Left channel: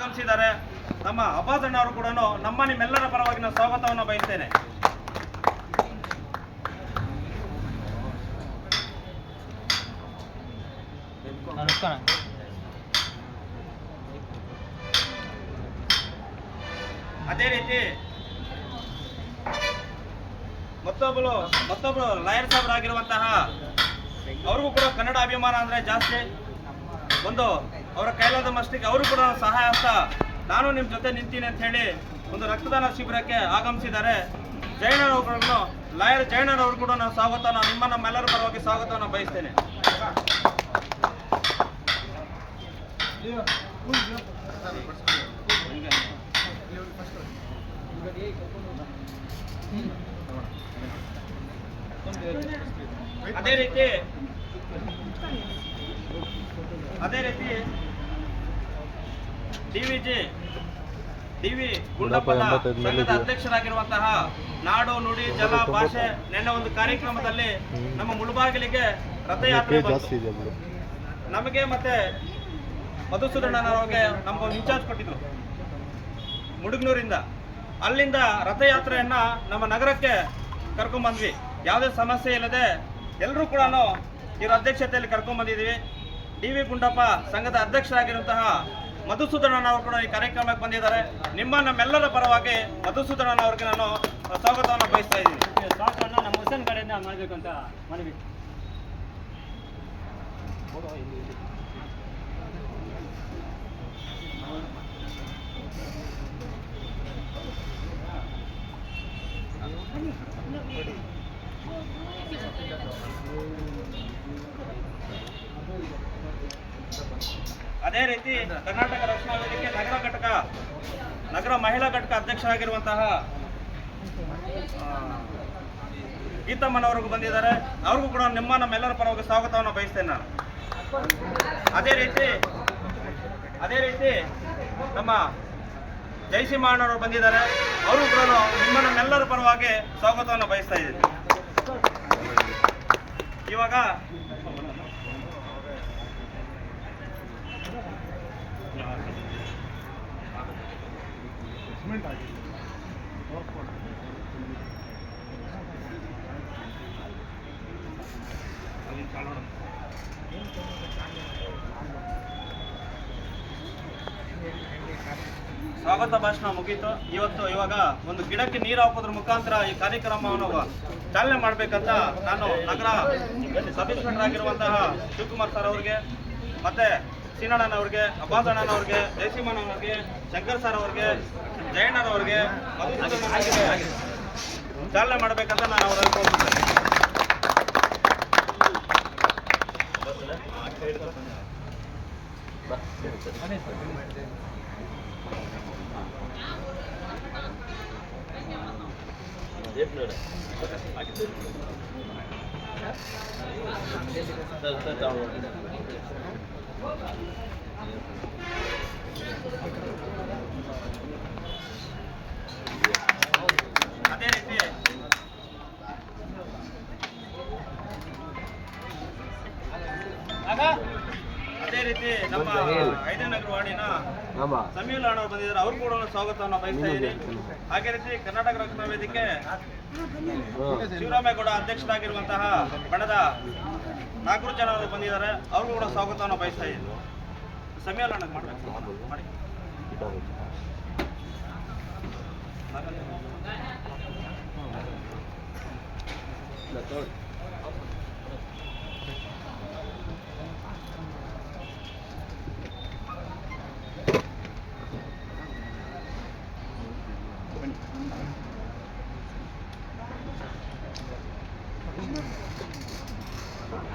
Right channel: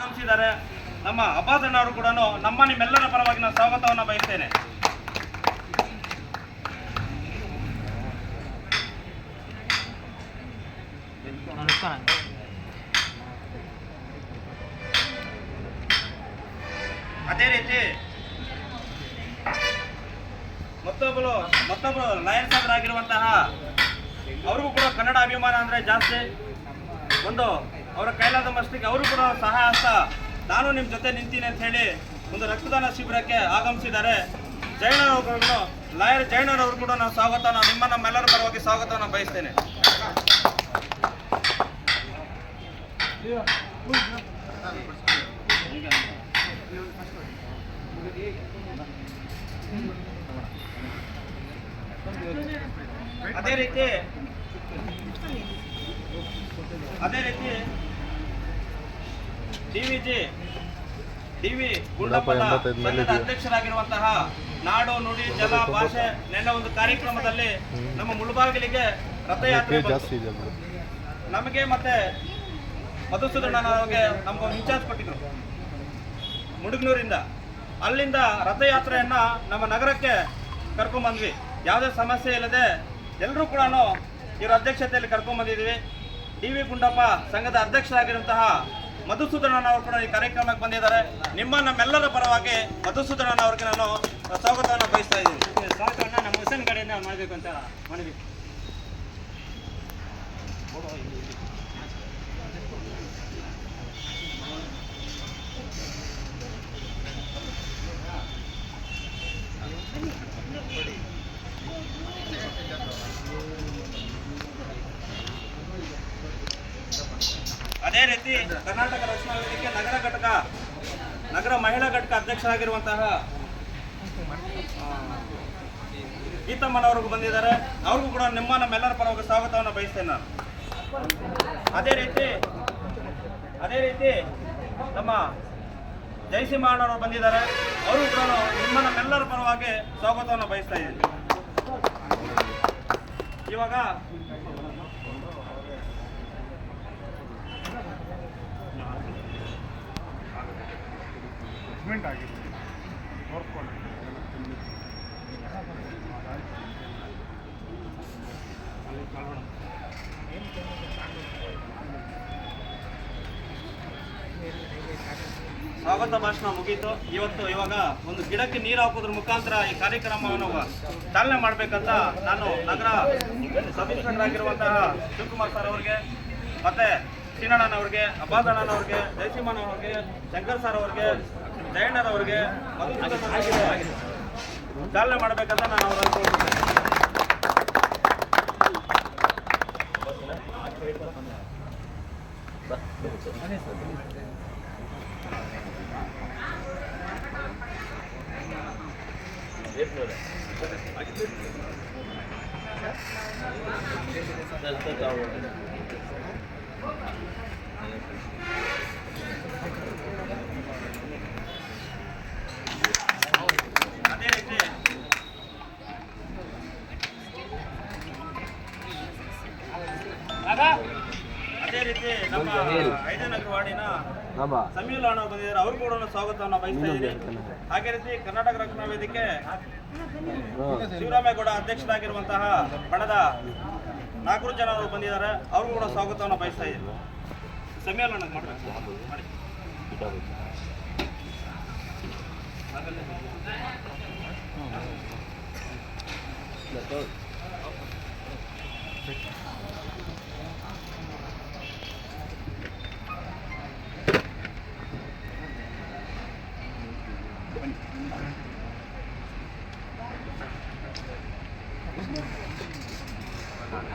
ಆಗಮಿಸಿದ್ದಾರೆ ನಮ್ಮ ಅಬ್ಬಾಸ್ ಅಣ್ಣವರು ಕೂಡ ನಮ್ಮ ನಿಮ್ಮೆಲ್ಲರ ಪರವಾಗಿ ನಾನು ಸ್ವಾಗತವನ್ನು ಬಯಸ್ತೇನೆ. ಅದೇ ರೀತಿ ಮತ್ತೊಬ್ಬರು ಮತ್ತೊಬ್ಬರು ಲಾಯರ್ ಸಾಹೇಬರಾಗಿರುವಂತಹ, ಅವ್ರಿಗೂ ಕೂಡ ಕನ್ನಡ ಅಭಿಮಾನ ಅಂದ್ರೆ ಜಾಸ್ತಿ. ಒಂದು ಅವರ ಕೈಲಾದ ಮಷ್ಟಿಗೆ ಅವರು ಕೂಡ ಸಹಾಯ ಅಂತ ನಾನು ನಿಮ್ಮ ಜೊತೆ ನಿಂತೀನಿ ಅಂತ ಹೇಳಿ ಒಂದು ರಕ್ತದಾನ ಶಿಬಿರಕ್ಕೆ ಆಗಮಿಸಿದ್ದಾರೆ. ಜೈನರವ್ರಿಗೂ ಲಾಯರ್ ಜೈನರವ್ರು ಕೂಡ ನಾನು ಸ್ವಾಗತ, ನಾನು ನಿಮ್ಮ ನಮ್ಮೆಲ್ಲರ ಪರವಾಗಿ ಸ್ವಾಗತವನ್ನು ಬಯಸ್ತೇನೆ. ಅದೇ ರೀತಿ ಅದೇ ರೀತಿ ಗುಂಡಪ್ಪನ ವಿ ಮೇಲೆ ಸಂಘದ ಅಧ್ಯಕ್ಷರಾಗಿರುವಂತಹ ನಾಡು ನುಡಿ ಜಲ ಭಾಷೆ ನೆನ್ನೆ ಒಂದು ಕಾರ್ಯಕ್ರಮದಲ್ಲಿ ನಮ್ಮ ಮುಳುಬಾಗಿಲಿಗೆ ರಥಯಾತ್ರೆ ನಮಗೆ ಮತ್ತೆ ಮಧುಸೂದನವರಿಗೆ ನಮ್ಗೊಂದು ಇನ್ಚಾರ್ಜ್ ಕೊಟ್ಟಿದ್ರು. ಮುಡುಗ್ನೂರಿಂದ. ಅಲ್ಲಿಂದ ರಥಯಾತ್ರೆಯನ್ನ ನಮ್ಮ ನಗರಕ್ಕೆ ಕರ್ಕೊಂಡ್ಬಂದ್ವಿ ಯಾವುದೇ ಸಮಸ್ಯೆ ಇಲ್ಲದೆ ಎಲ್ಲರೂ ಕೂಡ ಇವರ ಅಧ್ಯಕ್ಷತೆಯಲ್ಲಿ ಕರ್ಕೊಂಡ್ಬಂದಿದ್ದೀವಿ ಡಿ ವಿ ಗುಂಡಪ್ಪ ಸಂಘದ ಅಧ್ಯಕ್ಷರಾಗಿರುವಂತಹ ಮಧುಸೂದನ ಅವರು ಕೂಡ ಈ ಕಾರ್ಯಕ್ರಮಕ್ಕೆ ಬಂದಿದ್ದಾರೆ. ನಿಮ್ಮ ನಮ್ಮೆಲ್ಲರ ಪರವಾಗಿ ಮಧುಸೂದನ ಅವ್ರಿಗೆ ನಾನು ಸ್ವಾಗತವನ್ನು ಬಯಸ್ತಾ ಇದ್ದೀನಿ. ಸ್ವಾಗತವನ್ನು ನಮ್ಮ ಹುಸನ್ ಕಡೆಯಿಂದ ಮಾಡಬೇಕು ಅಂತ ಮನವಿ. ಅದೇ ರೀತಿ ಕರ್ನಾಟಕ ರಕ್ಷಣಾ ವೇದಿಕೆ ನಗರ ಘಟಕ, ನಗರ ಮಹಿಳಾ ಘಟಕ ಅಧ್ಯಕ್ಷರಾಗಿರುವಂತಹ ಗೀತಮ್ಮನವ್ರಿಗೂ ಬಂದಿದ್ದಾರೆ. ಅವ್ರಿಗೂ ಕೂಡ ನಿಮ್ಮ ನಮ್ಮೆಲ್ಲರ ಪರವಾಗಿ ಸ್ವಾಗತವನ್ನು ಬಯಸ್ತೇನೆ ನಾನು. ಅದೇ ರೀತಿ ಅದೇ ರೀತಿ ನಮ್ಮ ಜಯಸಿಂಹಣ್ಣವರು ಬಂದಿದ್ದಾರೆ. ಅವರು ಕೂಡ ನಿಮ್ಮ ನಮ್ಮೆಲ್ಲರ ಪರವಾಗಿ ಸ್ವಾಗತವನ್ನು ಬಯಸ್ತಾ ಇದ್ದೀನಿ. ಇವಾಗ ಸ್ವಾಗತ ಭಾಷಣ ಮುಗೀತು. ಇವತ್ತು ಇವಾಗ ಒಂದು ಗಿಡಕ್ಕೆ ನೀರು ಹಾಕೋದ್ರ ಮುಖಾಂತರ ಈ ಕಾರ್ಯಕ್ರಮವನ್ನು ಚಾಲನೆ ಮಾಡ್ಬೇಕಂತ ನಾನು ನಗರ ಇನ್ಸ್ಪೆಕ್ಟರ್ ಆಗಿರುವಂತಹ ಶಿವಕುಮಾರ್ ಸರ್ ಅವ್ರಿಗೆ, ಮತ್ತೆ ಸೀನಣ್ಣನವ್ರಿಗೆ ಅಬ್ಬಾಸಣ್ಣನವ್ರಿಗೆ ಜಯಸಿಂಹಣ್ಣನವ್ರಿಗೆ ಶಂಕರ್ ಸರ್ ಅವ್ರಿಗೆ ಜಯಣ್ಣನವ್ರಿಗೆ ಚಾಲನೆ ಮಾಡಬೇಕಂತ ನಾನು ಅವರಲ್ಲಿ ಕೋರ್ತಿದ್ದೇನೆ ಸರ್ ರೀತಿ ಅದೇ ರೀತಿ ನಮ್ಮ ಐದನೇ ನಗರ ವಾರ್ಡಿನ ಸಮೀಲ್ ಅಣ್ಣ ಬಂದಿದ್ದಾರೆ. ಅವ್ರು ಕೂಡ ಸ್ವಾಗತವನ್ನು ಬಯಸ್ತಾ ಇದ್ದೀನಿ. ಹಾಗೆ ರೀತಿ ಕರ್ನಾಟಕ ರಕ್ಷಣಾ ವೇದಿಕೆ ಶಿವರಾಮೇಗೌಡ ಅಧ್ಯಕ್ಷರಾಗಿರುವಂತಹ ಬಣದ ನಾಲ್ಕು ಜನ ಬಂದಿದ್ದಾರೆ. ಅವ್ರಿಗೂ ಕೂಡ ಸ್ವಾಗತವನ್ನು ಬಯಸ್ತಾ ಇದ್ದೀವಿ ಸಮ್ಮೇಳನ ಮಾಡಬೇಕು. ಮಾಡಿ.